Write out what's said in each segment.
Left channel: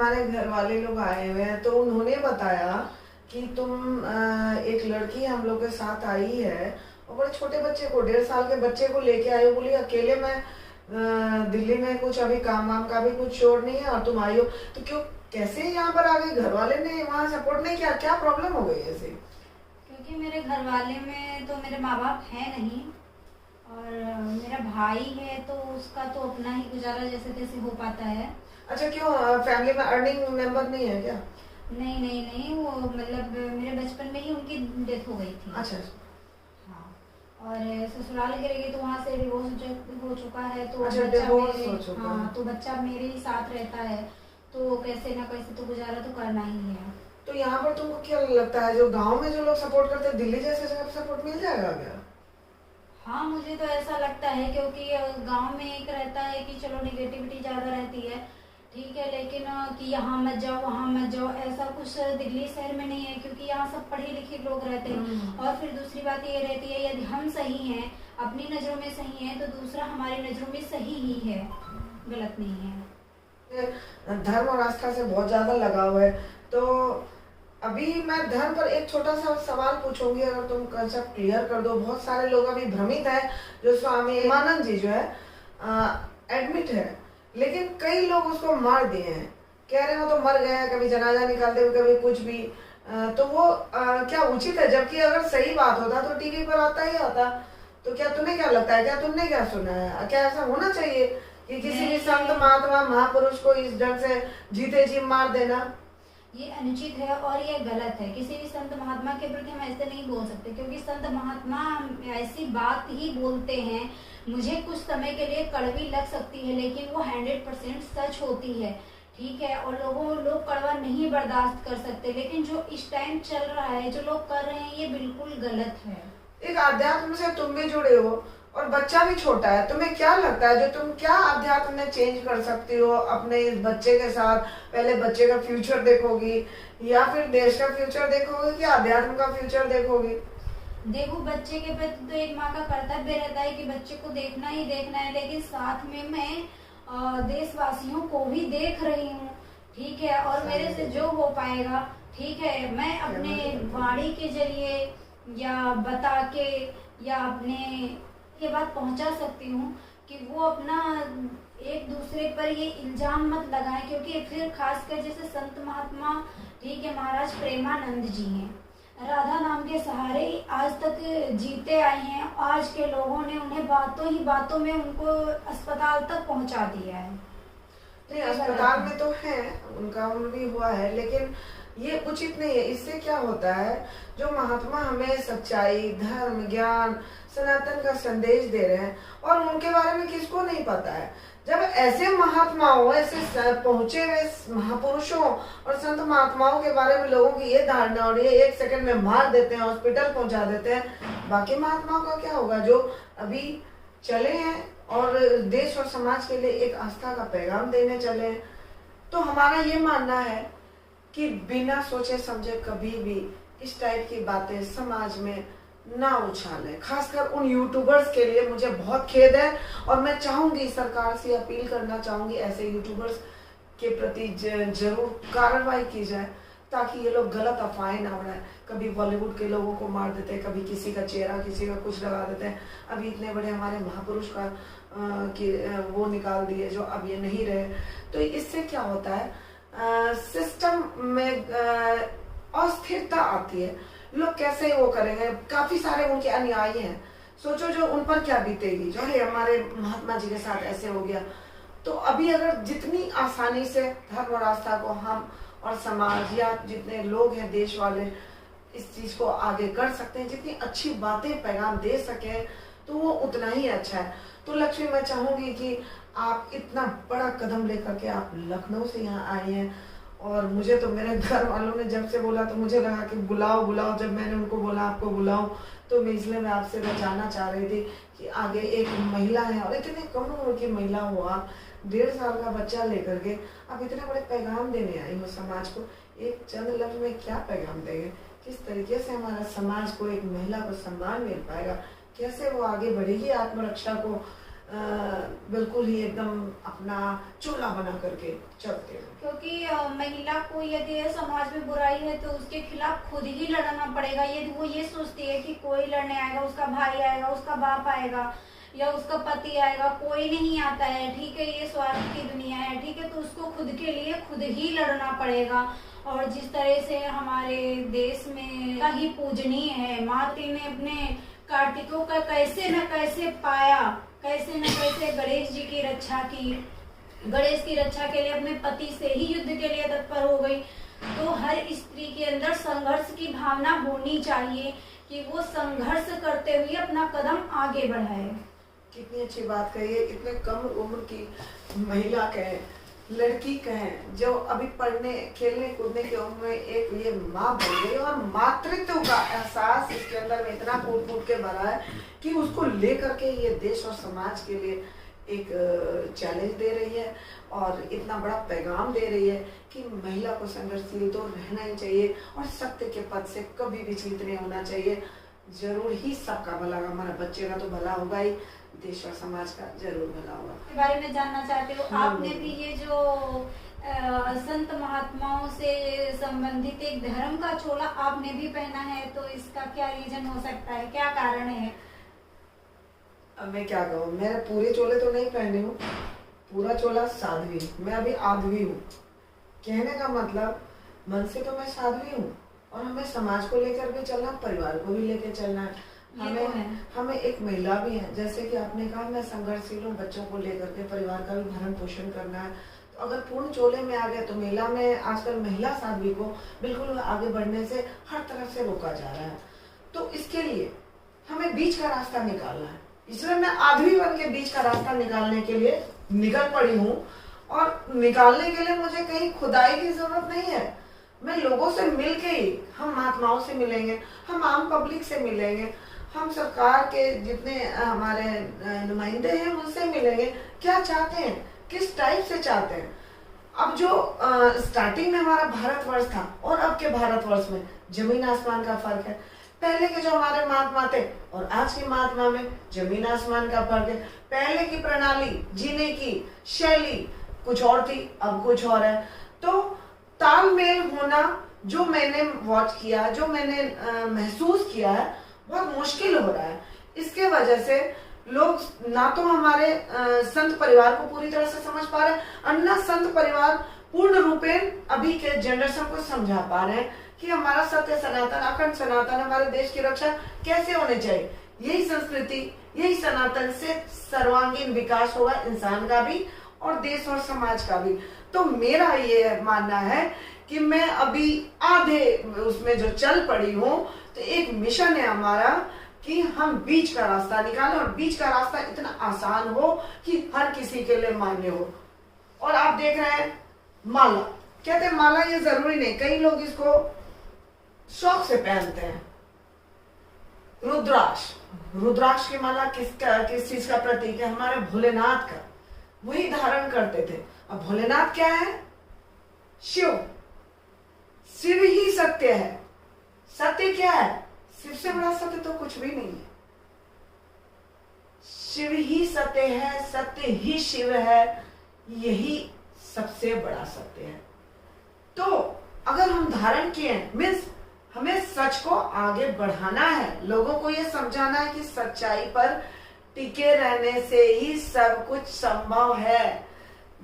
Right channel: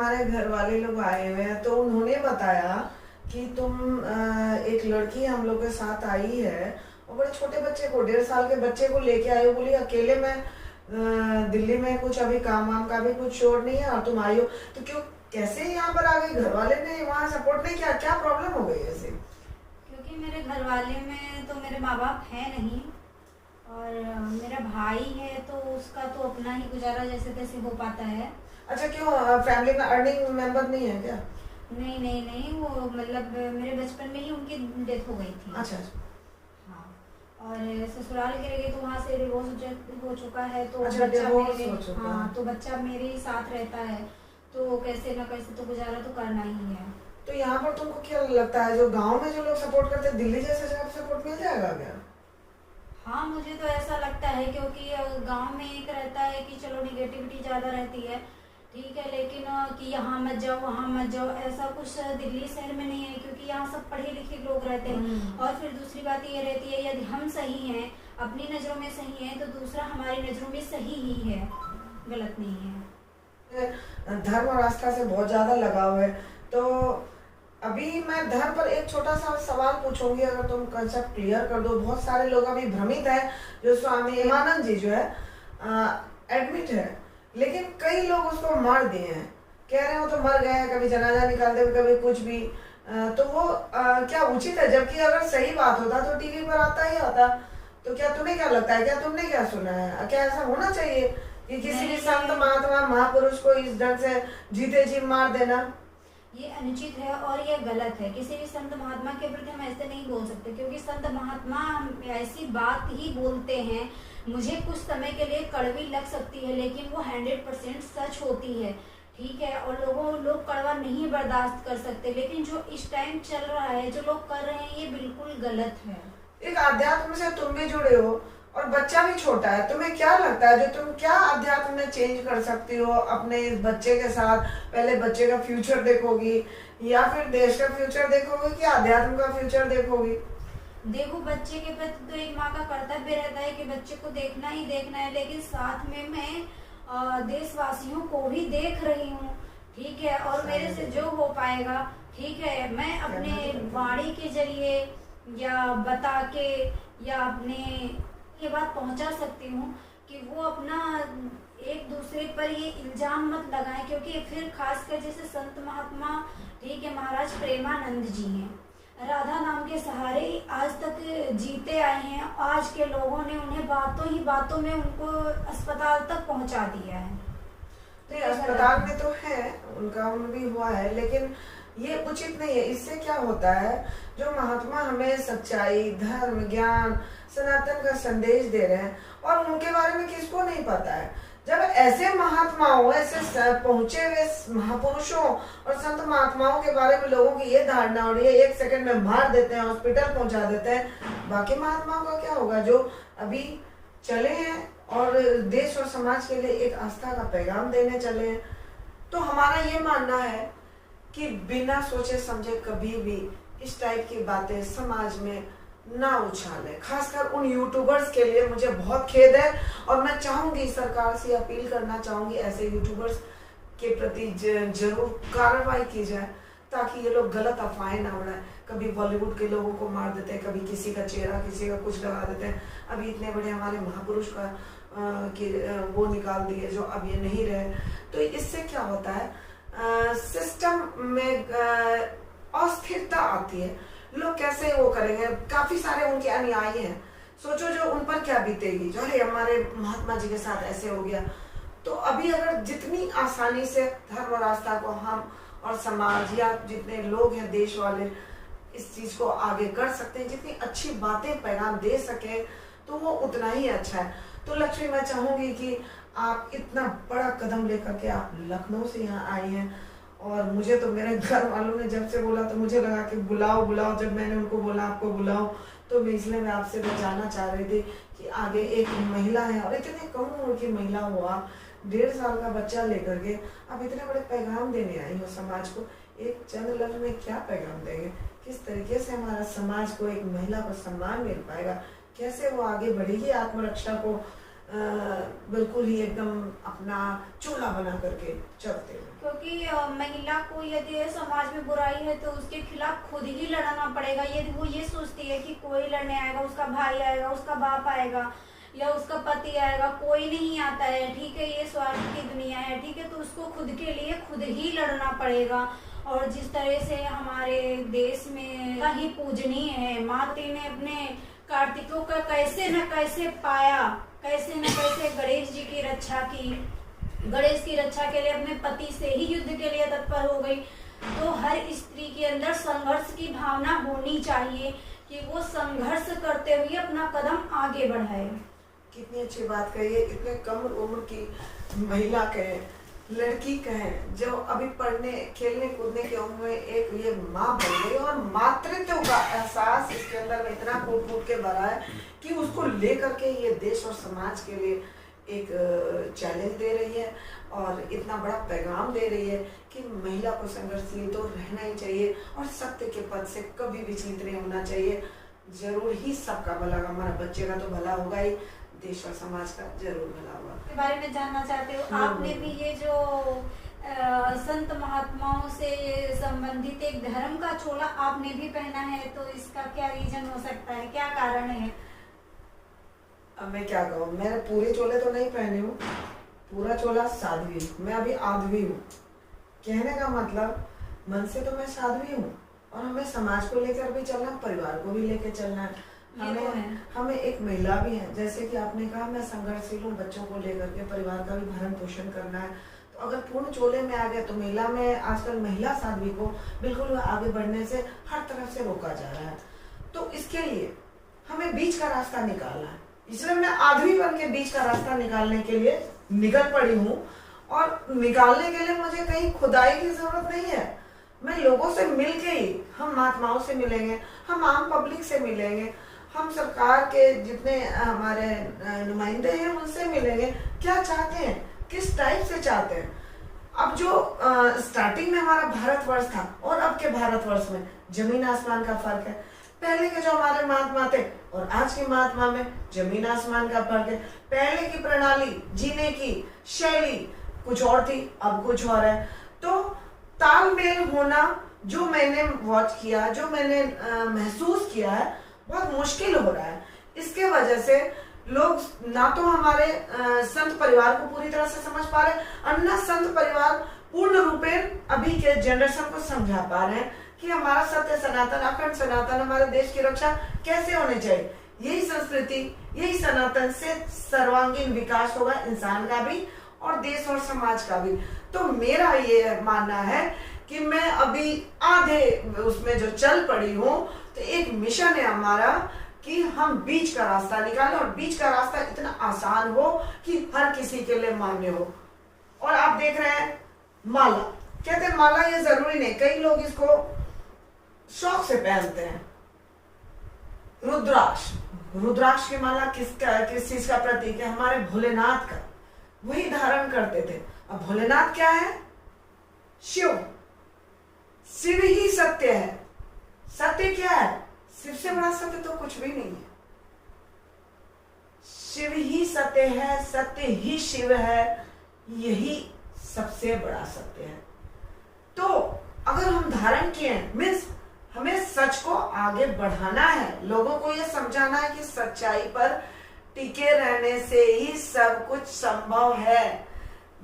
हमारे घर वाले लोग आए हुए हैं तो उन्होंने बताया कि तुम एक लड़की हम लोग के साथ आई है और बड़े छोटे बच्चे को 1.5 साल के बच्चे को लेके आई हो। बोली अकेले में दिल्ली में कुछ अभी काम वाम का भी कुछ शोर नहीं है और तुम आई हो तो क्यों कैसे यहाँ पर आ गई? घर वाले ने वहाँ सपोर्ट नहीं किया? क्या प्रॉब्लम हो गई ऐसे? क्योंकि मेरे घर वाले में तो मेरे माँ बाप है नहीं और मेरा भाई है तो उसका तो अपना ही गुजारा जैसे तैसे हो पाता है। अच्छा, क्यों फैमिली में अर्निंग मेंबर नहीं है क्या? नहीं नहीं नहीं, वो मतलब मेरे बचपन में ही उनकी डेथ हो गई थी। अच्छा। हाँ, और ससुराल गिर गई तो वहाँ से डिवोर्स हो चुका है तो अच्छा, बच्चा डिवोर्स मेरे, हो चुका है। हाँ, तो बच्चा मेरे ही साथ रहता है तो कैसे ना कैसे तो गुजारा तो करना ही है। तो यहाँ पर तुमको क्या लगता है, जो गांव में जो लोग सपोर्ट करते हैं दिल्ली जैसे जगह पर सपोर्ट मिल जाएगा क्या? हाँ, मुझे तो ऐसा लगता है क्योंकि गांव में एक रहता है कि चलो निगेटिविटी ज़्यादा रहती है, ठीक है, लेकिन कि यहाँ मत जाओ वहाँ मत जाओ ऐसा कुछ दिल्ली शहर में नहीं है क्योंकि यहाँ सब पढ़े लिखे लोग रहते हैं। और फिर दूसरी बात ये रहती है यदि हम सही हैं, अपनी नज़रों में सही हैं, तो दूसरा हमारी नज़रों में सही ही है, गलत नहीं है। धर्म और आस्था से बहुत ज्यादा लगाव है तो अभी मैं धर्म पर एक छोटा सा सवाल पूछूंगी, अगर तुम कंसेप्ट क्लियर कर दो। बहुत सारे लोग अभी भ्रमित है, जो स्वामी हेमानंद जी जो है एडमिट है, लेकिन कई लोग उसको मार दिए हैं, कह रहे हैं वो तो मर गए हैं, कभी जनाजा निकालते हुए कभी कुछ भी। तो वो क्या उचित है? जबकि अगर सही बात होता तो टीवी पर आता ही आता। तो क्या तुम्हें क्या लगता है, क्या तुमने क्या सुना है, क्या ऐसा होना चाहिए कि किसी भी संत महात्मा महापुरुष को इस ढंग से जीते जी मार देना? ये अनुचित है और ये गलत है। किसी भी संत महात्मा के प्रति हम ऐसे नहीं बोल सकते क्योंकि संत महात्मा ऐसी बात ही बोलते हैं, मुझे कुछ समय के लिए कड़वी लग सकती है लेकिन वो 100% सच होती है, ठीक है, और लोग कड़वा नहीं बर्दाश्त कर सकते, लेकिन जो इस टाइम चल रहा है, जो लोग कर रहे हैं, ये बिल्कुल गलत है। एक अध्यात्म से तुम भी जुड़े हो और बच्चा भी छोटा है, तुम्हें क्या लगता है जो तुम क्या अध्यात्म में चेंज कर सकती हो अपने इस बच्चे के साथ? पहले बच्चे का फ्यूचर देखोगी या फिर देश का फ्यूचर देखोगी कि अध्यात्म का फ्यूचर देखोगी? देखो, बच्चे के प्रति तो एक माँ का कर्तव्य रहता है कि बच्चे को देखना ही देखना है, लेकिन साथ में मैं देशवासियों को भी देख रही हूँ, ठीक है, और मेरे से जो हो पाएगा, ठीक है, मैं अपने वाणी के जरिए या बता के या अपने ये बात पहुंचा सकती हूँ कि वो अपना एक दूसरे पर ये इल्जाम मत लगाएं, क्योंकि फिर खासकर जैसे संत महात्मा, ठीक है, महाराज प्रेमानंद जी हैं, राधा नाम के सहारे आज तक जीते आए हैं, आज के लोगों ने उन्हें बातों ही बातों में उनको अस्पताल तक पहुंचा दिया है। नहीं, अस्पताल में तो है, उनका उम्र भी हुआ है, लेकिन ये उचित नहीं है। इससे क्या होता है, जो महात्मा हमें सच्चाई, धर्म, ज्ञान, सनातन का संदेश दे रहे हैं और उनके बारे में किसको नहीं पता है। जब ऐसे महात्माओं, ऐसे पहुंचे हुए महापुरुषों और संत महात्माओं के बारे में लोगों की ये धारणा हो रही है, 1 सेकंड में मार देते हैं, हॉस्पिटल पहुंचा देते हैं, बाकी महात्माओं का क्या होगा जो अभी चले हैं और देश और समाज के लिए एक आस्था का पैगाम देने चले हैं? तो हमारा ये मानना है कि बिना सोचे समझे कभी भी इस टाइप की बातें समाज में ना उछाले। खासकर उन यूट्यूबर्स के लिए मुझे बहुत खेद है और मैं चाहूंगी, सरकार से अपील करना चाहूंगी, ऐसे यूट्यूबर्स के प्रति जरूर कार्रवाई की जाए ताकि ये लोग गलत अफवाहें ना उड़ाएं। कभी बॉलीवुड के लोगों को मार देते हैं, कभी किसी का चेहरा, किसी का कुछ लगा देते हैं। अभी इतने बड़े हमारे महापुरुष का वो निकाल दिए जो अब ये नहीं रहे। तो इससे क्या होता है, सिस्टम में अस्थिरता आती है। लोग कैसे वो करेंगे? काफी सारे उनके अनुयायी हैं, सोचो जो उन पर क्या बीतेगी, जो है हमारे महात्मा जी के साथ ऐसे हो गया। तो अभी अगर जितनी आसानी से धर्म और आस्था को हम और समाज या जितने लोग हैं देश वाले इस चीज को आगे कर सकते हैं, जितनी अच्छी बातें पैगाम दे सके तो वो उतना ही अच्छा है। तो लक्ष्मी, मैं चाहूंगी कि आप इतना बड़ा कदम लेकर के आप लखनऊ से यहाँ आई हैं और मुझे तो मेरे घर वालों ने जब से बोला तो मुझे लगा कि बुलाओ बुलाओ। जब मैंने उनको बोला आपको बुलाओ तो मैं इसलिए मैं आपसे जानना चाह रही थी कि आगे एक महिला है और इतने कम उम्र की महिला हो आप, 1.5 साल का बच्चा लेकर के आप इतने बड़े पैगाम देने आई हो समाज को। एक चंद लफ्ज में क्या पैगाम देंगे? किस तरीके से हमारा समाज को, एक महिला को सम्मान मिल पाएगा? कैसे वो आगे बढ़ेगी आत्मरक्षा को बिल्कुल ही एकदम अपना चोला बना करके चलते हैं। क्योंकि महिला को यदि समाज में बुराई है तो उसके खिलाफ खुद ही लड़ना पड़ेगा। यदि वो ये सोचती है कि कोई लड़ने आएगा, उसका भाई आएगा, उसका बाप आएगा या उसका पति आएगा, कोई नहीं आता है, ठीक है, ये स्वार्थ की दुनिया है, ठीक है, तो उसको खुद के लिए खुद ही लड़ना पड़ेगा। और जिस तरह से हमारे देश में का ही पूजनीय है, माता ने अपने कार्तिकों का कैसे न कैसे पाया, कैसे न कैसे गणेश जी की रक्षा की, गणेश की रक्षा के लिए अपने पति से ही युद्ध के लिए तत्पर हो गई। तो हर स्त्री के अंदर संघर्ष की भावना होनी चाहिए कि वो संघर्ष करते हुए अपना कदम आगे बढ़ाए। कितनी अच्छी बात कही है। इतने कम उम्र की महिला कहें, लड़की कहें, जो अभी पढ़ने खेलने कूदने की उम्र में एक ये माँ बन गई और मातृत्व का एहसास इसके अंदर में इतना कूट कूट के भरा है कि उसको लेकर के ये देश और समाज के लिए एक चैलेंज दे रही है और इतना बड़ा पैगाम दे रही है कि महिला को संघर्षशील तो रहना ही चाहिए और सत्य के पद से कभी भी चीत नहीं होना चाहिए। जरूर ही सबका भला, हमारा बच्चे का तो भला होगा ही, देश और समाज का जरूर भला होगा। के बारे में जानना चाहते हो, आपने भी ये जो संत महात्माओं से संबंधित एक धर्म का चोला आपने भी पहना है, तो इसका क्या रीजन हो सकता है, क्या कारण है? अब मैं क्या कहूँ, मैंने पूरे चोले तो नहीं पहने हूँ, पूरा चोला साध्वी हूँ, मैं अभी आध्वी हूँ। कहने का मतलब मन से तो मैं साध्वी हूँ और हमें समाज को लेकर भी चलना, परिवार को भी लेकर चलना है। हमें एक महिला भी है, जैसे कि आपने कहा मैं संघर्षशील हूँ, बच्चों को लेकर के परिवार का भी भरण पोषण करना है। तो अगर पूर्ण चोले में आ गया तो महिला में आजकल महिला साध्वी को बिल्कुल आगे बढ़ने से हर तरफ से रोका जा रहा है। तो इसके लिए हमें बीच का रास्ता निकालना है, इसलिए मैं आध्वी बन के बीच का रास्ता निकालने के लिए निकल पड़ी हूँ। और निकालने के लिए मुझे कहीं खुदाई की जरूरत नहीं है, मैं लोगों से मिल के ही, हम महात्माओं से मिलेंगे, हम आम पब्लिक से मिलेंगे, हम सरकार के जितने हमारे नुमाइंदे हैं उनसे मिलेंगे। क्या चाहते हैं, किस टाइप से चाहते हैं। अब जो स्टार्टिंग में हमारा भारतवर्ष था और अब के भारतवर्ष में जमीन आसमान का फर्क है। पहले के जो हमारे महात्मा थे और आज के महात्मा में जमीन आसमान का फर्क है। पहले की प्रणाली, जीने की शैली कुछ और थी, अब कुछ और है। तो तालमेल होना, जो मैंने वॉच किया, जो मैंने महसूस किया है, बहुत मुश्किल हो रहा है। इसके वजह से लोग ना तो हमारे संत परिवार को पूरी तरह से समझ पा रहे हैं और ना संत परिवार पूर्ण रूपेण अभी के जनरेशन को समझा पा रहे हैं कि हमारा सत्य सनातन, अखंड सनातन, हमारे देश की रक्षा कैसे होनी चाहिए। यही संस्कृति, यही सनातन से सर्वांगीण विकास होगा इंसान का भी और देश और समाज का भी। तो मेरा ये मानना है कि मैं अभी आधे उसमें जो चल पड़ी हूँ, तो एक मिशन है हमारा कि हम बीच का रास्ता निकालें और बीच का रास्ता इतना आसान हो कि हर किसी के लिए मान्य हो। और आप देख रहे हैं माला, कहते हैं माला ये जरूरी नहीं, कई लोग इसको शौक से पहनते हैं। रुद्राक्ष, रुद्राक्ष की माला किस चीज का प्रतीक है? हमारे भोलेनाथ का, वही धारण करते थे। अब भोलेनाथ क्या है? शिव। शिव ही सत्य है। सत्य क्या है? शिव से बड़ा सत्य तो कुछ भी नहीं है। शिव ही सत्य है, सत्य ही शिव है, यही सबसे बड़ा सत्य है। तो अगर हम धारण किए, मीन्स हमें सच को आगे बढ़ाना है, लोगों को यह समझाना है कि सच्चाई पर टिके रहने से ही सब कुछ संभव है।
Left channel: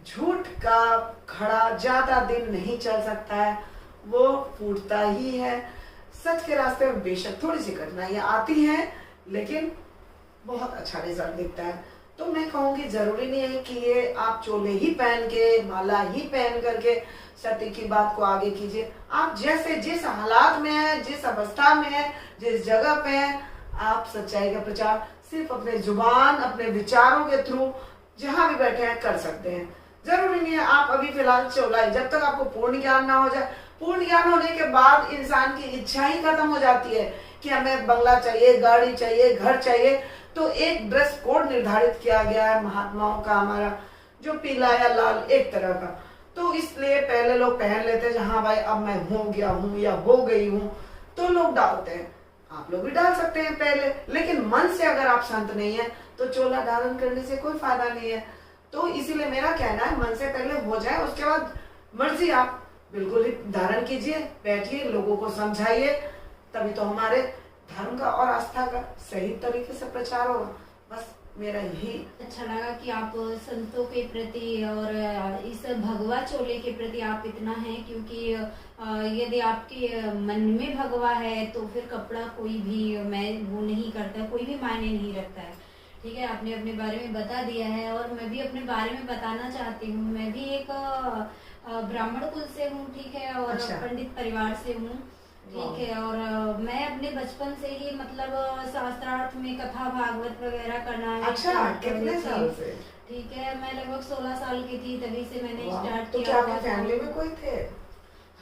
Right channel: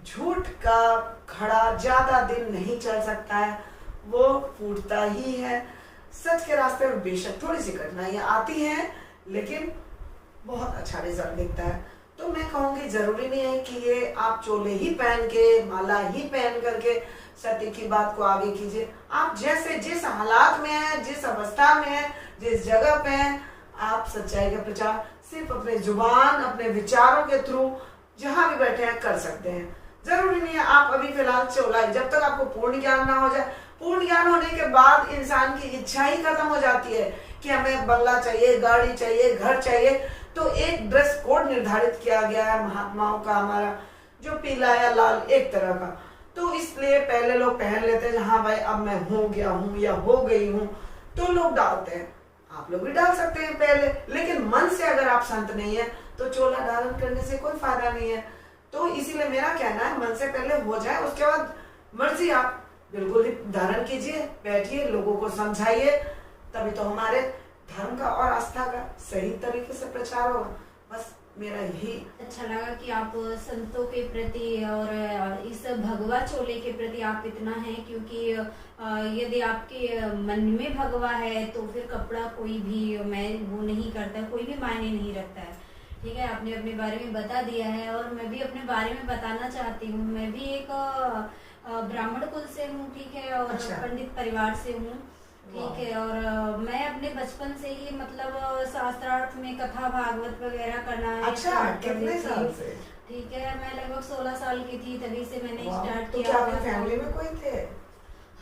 झूठ का घड़ा ज्यादा दिन नहीं चल सकता है, वो फूटता ही है। सच के रास्ते में बेशक थोड़ी सी कठिनाइयां आती हैं, लेकिन बहुत अच्छा रिजल्ट दिखता है। तो मैं कहूंगी जरूरी नहीं है कि ये आप चोले ही पहन के, माला ही पहन करके सत्य की बात को आगे कीजिए। आप जैसे जिस हालात में हैं, जिस अवस्था में हैं, जिस जगह पे हैं, आप सच्चाई का प्रचार सिर्फ अपने जुबान, अपने विचारों के थ्रू जहां भी बैठे हैं कर सकते हैं। जरूरी नहीं है आप अभी फिलहाल चौलाई, जब तक आपको पूर्ण ज्ञान ना हो जाए। पूर्ण ज्ञान होने के बाद इंसान की इच्छा ही खत्म हो जाती है कि हमें बंगला चाहिए, गाड़ी चाहिए, घर चाहिए। तो एक ड्रेस कोड निर्धारित किया गया है महात्माओं का, हमारा जो पीला या लाल एक तरह का। तो इसलिए पहले लोग पहन लेते हैं, हाँ भाई अब मैं हो गया हूँ या हो गई हूँ, तो लोग डालते हैं। आप लोग भी डाल सकते हैं पहले, लेकिन मन से अगर आप संत नहीं है तो चोला धारण करने से कोई फायदा नहीं है। तो इसीलिए मेरा कहना है मन से पहले हो जाए, उसके बाद मर्जी आप बिल्कुल ही धारण कीजिए, बैठिए, लोगों को समझाइए, तभी तो हमारे धर्म का और आस्था का सही तरीके से प्रचार होगा। बस मेरा यही। अच्छा लगा कि आप संतों के प्रति और इस भगवा चोले के प्रति आप इतना है, क्योंकि यदि आपके मन में भगवा है तो फिर कपड़ा कोई भी मैं वो नहीं करता, कोई भी मायने नहीं रखता है। ठीक है, आपने अपने बारे में बता दिया है और मैं भी अपने बारे में बताना चाहती हूँ। मैं भी एक ब्राह्मण कुल से हूँ, ठीक है, और अच्छा। पंडित परिवार से हूँ, ठीक है। और मैं अपने बचपन से ही मतलब शास्त्रार्थ में कथा भागवत वगैरह करना अच्छा, start कर कितने दी थी। साल से? ठीक है, मैं लगभग 16 साल की थी, तभी से मैंने स्टार्ट तो किया। क्या आपकी फैमिली में कोई थे?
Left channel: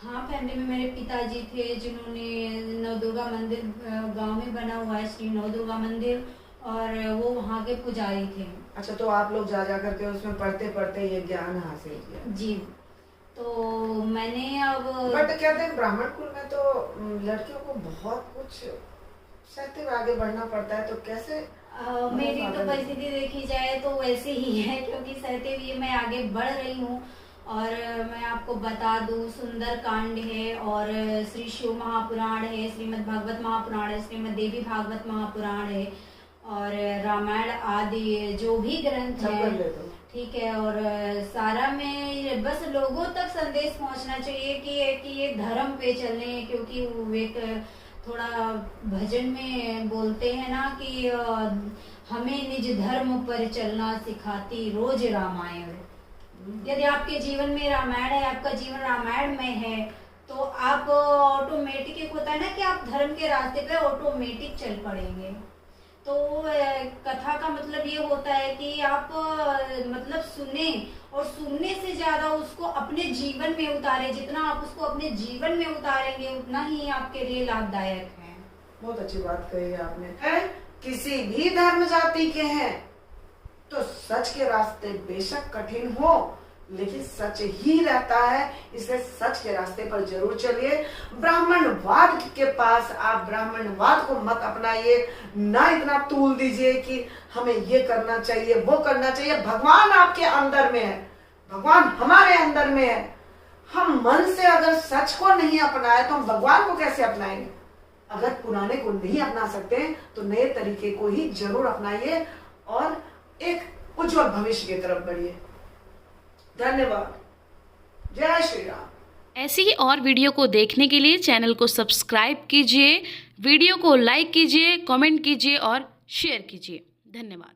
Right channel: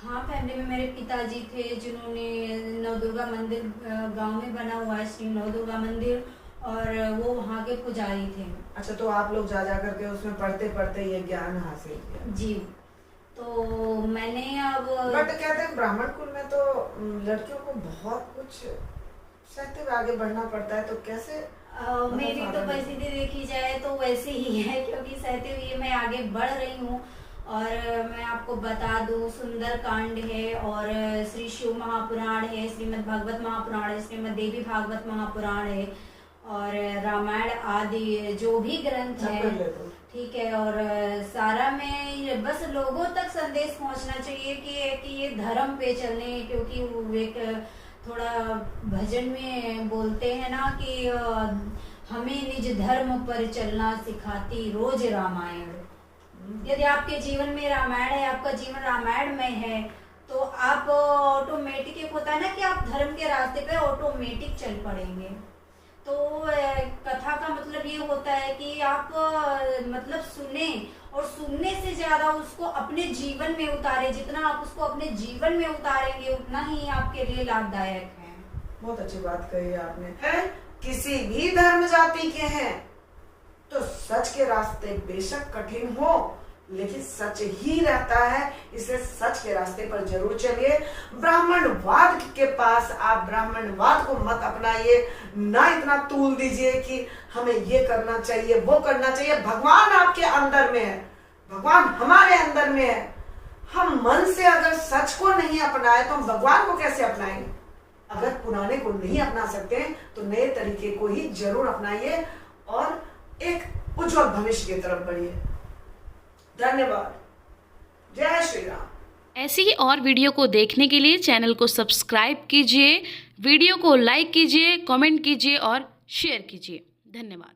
हाँ, फैमिली में मेरे पिताजी थे जिन्होंने नवदुर्गा मंदिर गांव में बना हुआ है, श्री नवदुर्गा मंदिर, और वो वहाँ के पुजारी थे। अच्छा, तो आप लोग जा करके उसमें पढ़ते पढ़ते ये ज्ञान हासिल किया? जी, तो मैंने अब बट कहते हैं ब्राह्मण कुल में तो लड़कियों को बहुत कुछ सहते हुए आगे बढ़ना पड़ता है, तो कैसे? मेरी तो परिस्थिति देखी जाए तो वैसे ही है, क्योंकि सहते हुए मैं आगे बढ़ रही हूँ। और मैं आपको बता दूं, सुंदर कांड है और श्री शिव महापुराण है, श्रीमद् भागवत महापुराण है, श्रीमद् देवी भागवत महापुराण है, और रामायण आदि जो भी ग्रंथ है, ठीक है। और सारा में बस लोगों तक संदेश पहुंचना चाहिए कि ये धर्म पे चलने, क्योंकि वो एक थोड़ा भजन में बोलते हैं ना कि हमें निज धर्म पर चलना सिखाती रोज रामायण। यदि आपके जीवन में रामायण है, आपका जीवन रामायण में है, तो आप ऑटोमेटिक, एक होता है ना कि आप धर्म के रास्ते पे ऑटोमेटिक चल पड़ेंगे। तो कथा का मतलब ये होता है कि आप मतलब सुने, और सुनने से ज्यादा उसको अपने जीवन में उतारे। जितना आप उसको अपने जीवन में उतारेंगे उतना ही आपके लिए लाभदायक है। बहुत अच्छी बात कही आपने। है किसी भी धर्म जाति के हैं तो सच के रास्ते बेशक कठिन हो, लेकिन सच ही रहता है, इसलिए सच के रास्ते पर जरूर चलिए। ब्राह्मणवाद के पास आप ब्राह्मणवाद को मत अपनाइए, ना इतना तूल दीजिए कि हमें ये करना चाहिए, वो करना चाहिए। भगवान आपके अंदर में है, भगवान हमारे अंदर में है। हम मन से अगर सच को नहीं अपनाए तो हम भगवान को कैसे अपनाएंगे? अगर पुराने को नहीं अपना सकते तो नए तरीके को ही जरूर अपनाइए और एक उज्जवल भविष्य की तरफ बढ़िए। धन्यवाद। जय श्री राम। ऐसी ही और वीडियो को देखने के लिए चैनल को सब्सक्राइब कीजिए, वीडियो को लाइक कीजिए, कमेंट कीजिए और शेयर कीजिए। धन्यवाद।